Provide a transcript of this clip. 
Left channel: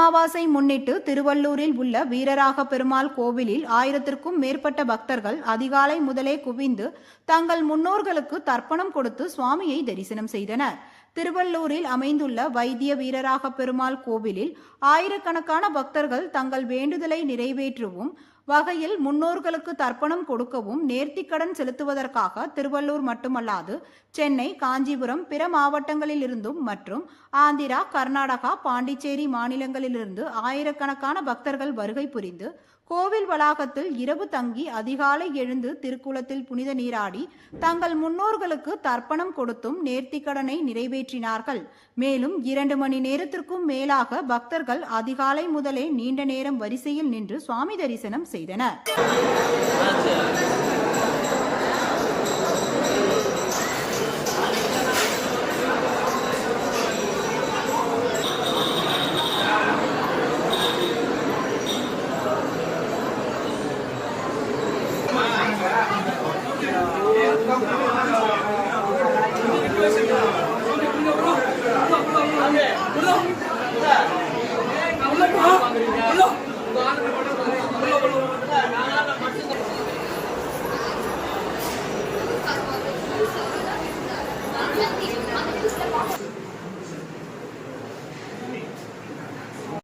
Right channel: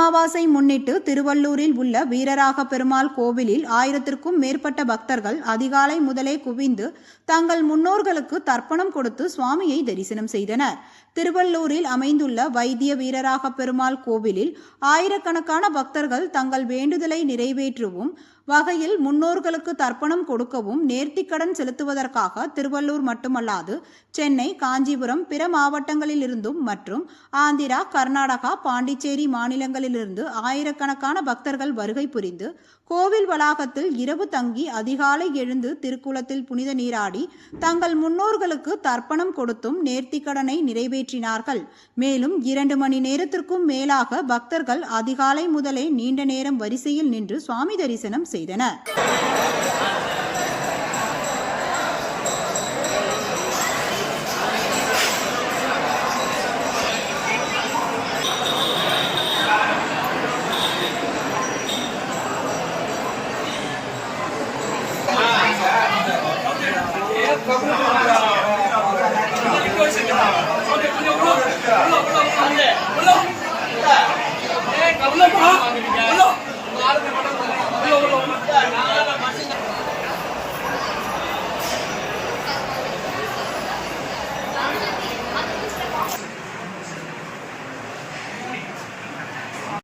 அமாவாசை முன்னிட்டு திருவள்ளூரில் உள்ள வீரராக பெருமாள் கோவிலில் 1000க்கும் மேற்பட்ட பக்தர்கள் அதிகாலை முதலே குவிந்து தங்கள் முன்னோர்களுக்கு தர்ப்பணம் கொடுத்து சுவாமியை தரிசனம் செய்தனர். திருவள்ளூரில் அமைந்துள்ள வைத்திய வீரராக பெருமாள் கோவிலில் ஆயிரக்கணக்கான பக்தர்கள் தங்கள் வேண்டுதலை நிறைவேற்றவும் வகையில் முன்னோர்களுக்கு தர்ப்பணம் கொடுக்கவும் நேர்த்திக்கடன் செலுத்துவதற்காக திருவள்ளூர் மட்டுமல்லாது சென்னை, காஞ்சிபுரம், பிற மாவட்டங்களிலிருந்தும் மற்றும் ஆந்திரா, கர்நாடகா, பாண்டிச்சேரி மாநிலங்களிலிருந்து ஆயிரக்கணக்கான பக்தர்கள் வருகை புரிந்து கோவில் வளாகத்தில் இரவு தங்கி அதிகாலை எழுந்து திருக்குளத்தில் புனித நீராடி தங்கள் முன்னோர்களுக்கு தர்ப்பணம் கொடுத்தும் நேர்த்திக்கடனை நிறைவேற்றினார்கள். மேலும் 2 மணி நேரத்திற்கும் மேலாக பக்தர்கள் அதிகாலை முதலே நீண்ட நேரம் வரிசையில் நின்று சுவாமி தரிசனம் செய்தனர்.